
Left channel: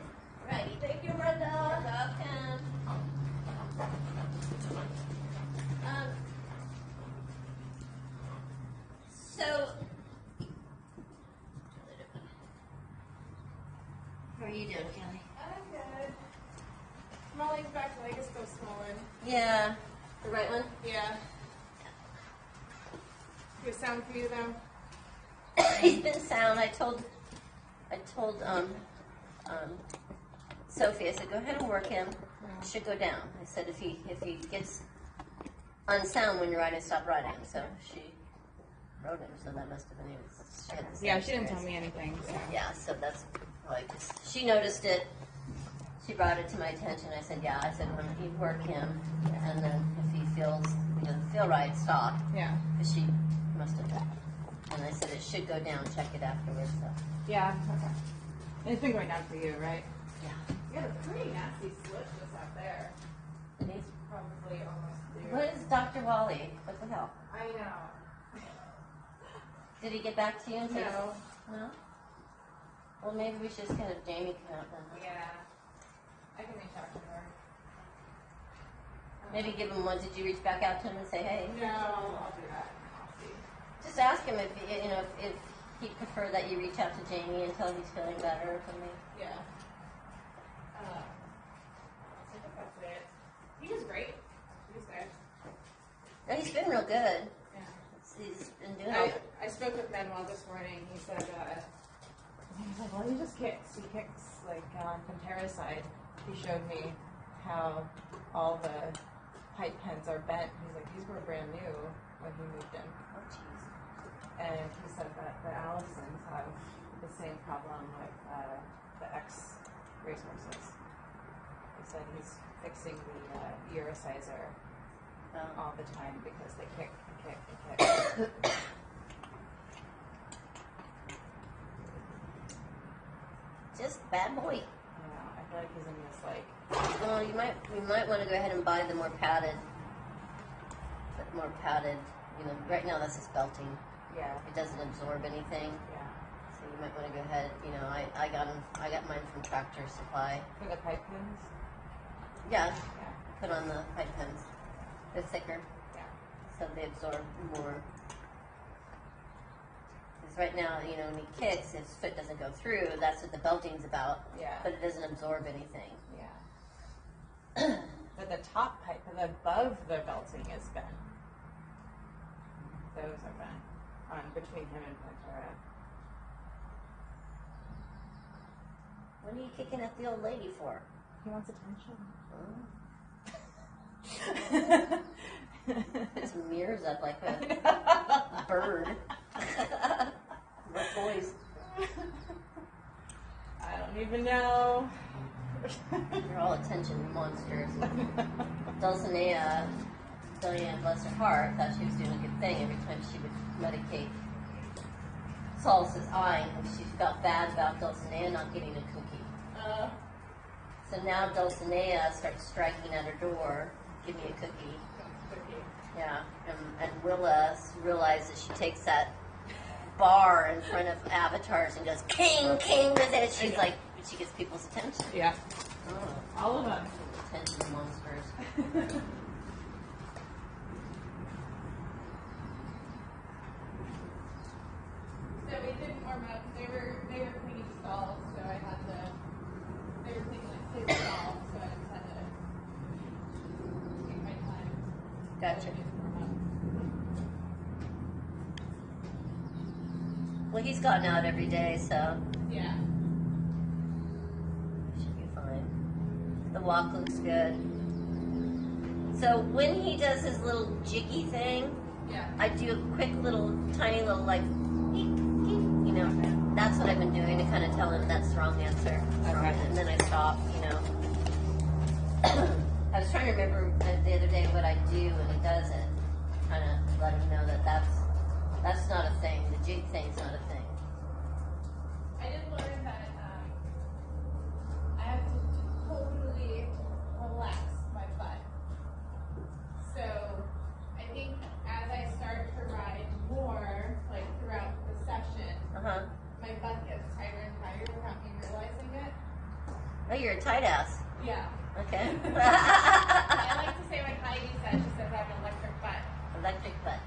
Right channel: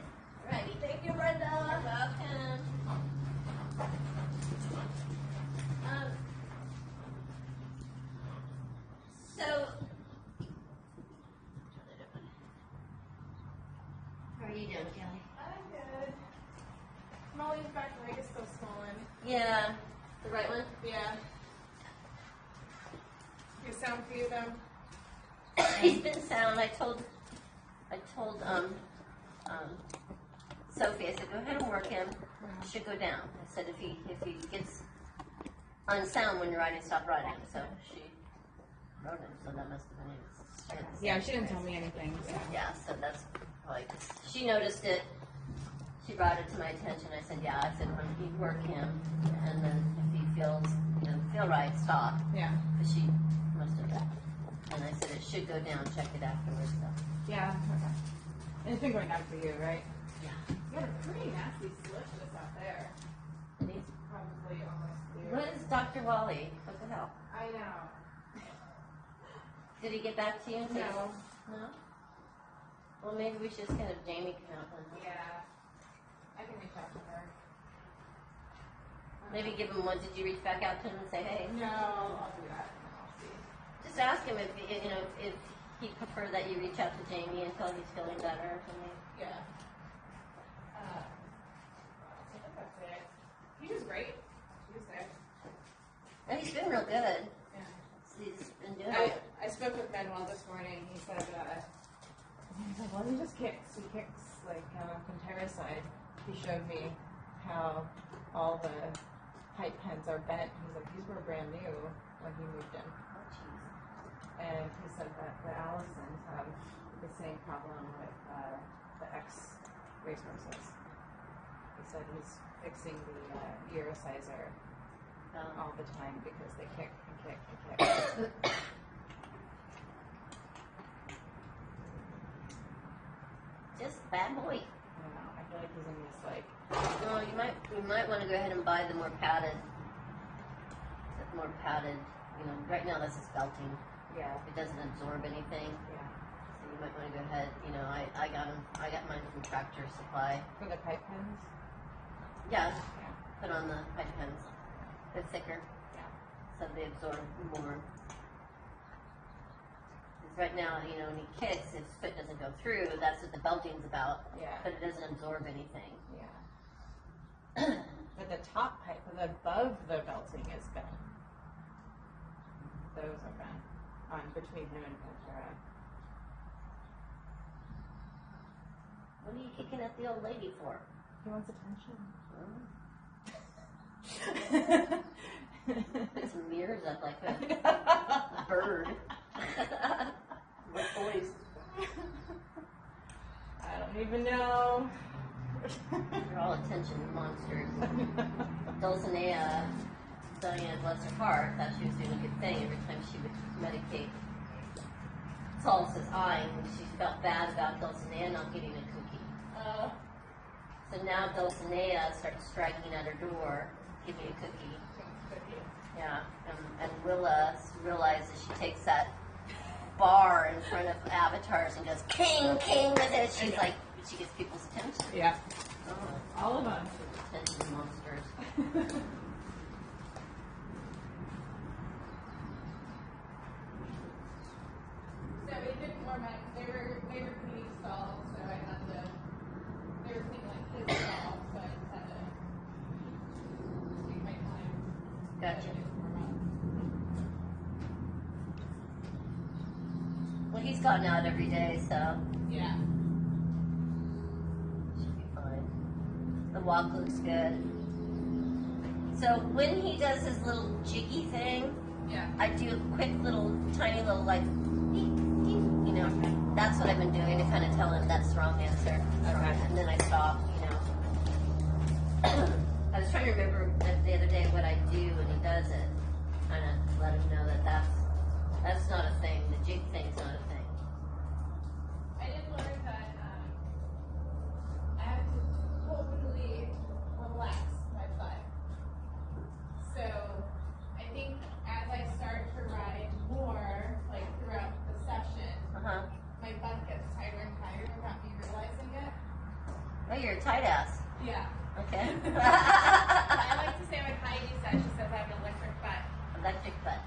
Ready? Thank you, Brenda. Welcome. So, how are you doing, Kelly? I'm good. Molly's back leg is still swollen. Yeah. The right one? Yeah. Good sound for you though? He's been sound. I told Sophie, I said, go ahead and work him. It should go down. I said, if he gets unsound when you're riding, stop riding. So she rode him, so that must have been it. Yeah, she didn't tell me anything. So. Yeah, so that's like, she noticed it. She brought it to my attention. I said, yeah. I said, when you work him, and then if he feels, feel right, stop. Yeah. But she must have. And I said, it should go down. Check it afterwards. So. Yeah, okay. And it's been going down for you, right? Yeah. You had a pretty nasty switch just out there. And he's probably almost clear. What is Dr. Wally? What the hell? I know. Did he get back to you and say? No. No? Well, maybe we should send a Jamie count then. Yeah. I can reach out to her. Maybe give him one. Did you reach back out to him and say, hey? No, I'll do that. I'll see. Just ask him if he'd prefer that you reach out to Jamie until he's feeling better or something. Yeah. I think that's it. He was great. He was good. No, he's been real good. Yeah. He's been doing it. I spoke with Manuel this morning. He said, he's like, well, he just kicks. He kicks, like, on Pantera's side. He showed me how all the pipe pens are bent. He's like, these were brand new when he moved in. And he said that the Allisons have the same problem with the ex-racehorses. He said he's fixing the Eurosizer all the time because they kick and kick and kick. Just bad boy. I don't know. I feel like he's in this like. Well, you might want to go ahead and buy the more padded. Right now this is belting. Yeah. It doesn't absorb anything. Yeah. So you might want to go ahead. I got mine from Tractor Supply. For the pipe pens. Yeah. Yeah. Put on the pipe pens. They're thicker, Yeah. so they absorb more. right now, you know, when he kicks, his foot doesn't go through. That's what the belting's about. Yeah. But it doesn't absorb anything. Yeah. But the top height, but above the belting is bent. Those are bent on between him and Pantera. What are you kicking at the old lady for? He wants attention. Put some mirrors up like a bird. Boys. I don't even know. They're all attention monsters. Dulcinea bless her heart, thought she was doing a good thing every time she would medicate Solace's eye, and she felt bad about Dulcinea not getting a cookie. So now Dulcinea starts striking at her door, give me a cookie. Yeah, and Willa realizes she takes that bar in front of avatars and goes, king, king with it. She's like, she gets people's attention. Yeah. All of them. Attention monsters. So we didn't warm up. They were cleaning stalls, so I had to. They were cleaning like his stall, so I just had to take my time. Gotcha. Warm up. Well, he's gotten out every day, so Yeah. should be fine. The walk looks good. So when he does his little jiggy thing, Yeah. I do a quick little, tiny little like, beep, beep, you know. That's what I've been doing to kind of tell him that's the wrong answer. Okay. And then I stop, you know. I was trying to remember the other day what I do when it does it. Kind of let him know that that's not a thing. The jig thing's not a thing. I did learn that I have to totally relax my butt. So I think as I start to ride more, like throughout the session, Uh-huh. my butt gets tighter and tighter without me realizing it. Oh, you're a tight ass. Yeah. Okay. I like to say like Heidi said, she says I have an electric butt. Electric butt.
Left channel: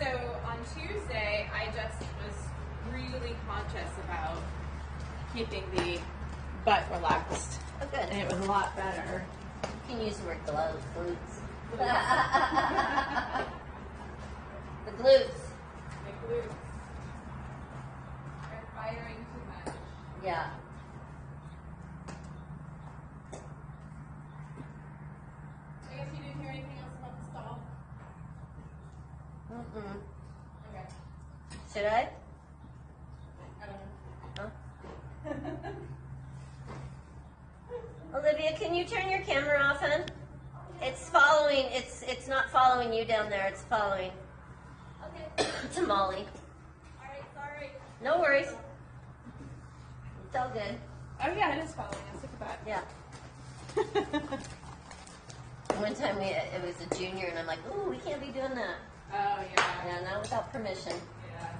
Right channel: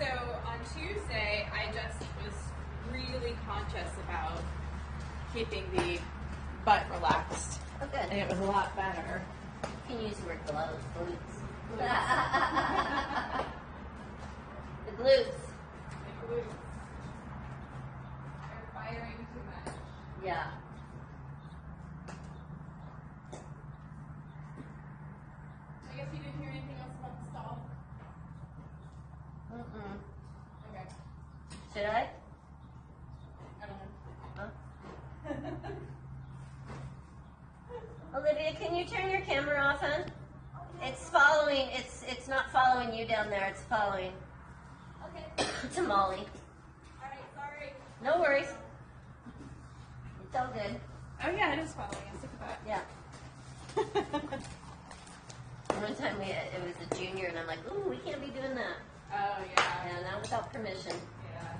So on Tuesday, I just was really conscious about keeping the butt relaxed, Oh, and good. it was a lot better. You can use the word glutes. The glutes. My glutes are firing too much. Yeah. I guess you didn't hear anything else about the stall? Mm-mm. Okay. Should I? I don't know. Olivia, can you turn your camera off, hon? It's following. It's not following you down there. It's following Okay. to Molly. Alright, sorry. No worries. It's all good. Oh yeah, it is following. I think about Yeah. One time it was a junior, and I'm like, ooh, we can't be doing that. Oh yeah. Yeah, not without permission. Yeah.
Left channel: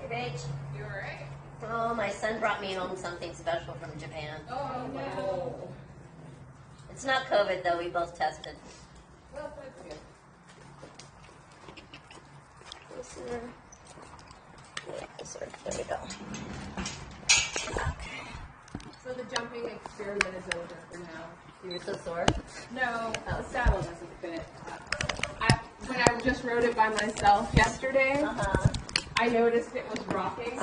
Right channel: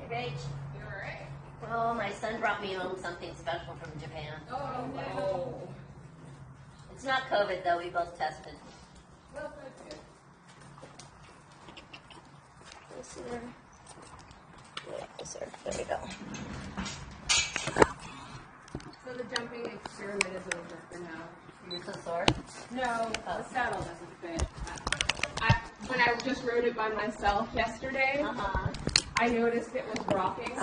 Hey, Rach. You alright? Oh, my son brought me home something special from Japan. Oh no. It's not COVID though. We both tested. Well, that's good. Closer. Yeah, closer. There we go. So the jumping experiment is over for now. You're so sore. No, Oh. the saddle doesn't fit. When I just rode it by myself yesterday, Uh huh. I noticed it was rocking.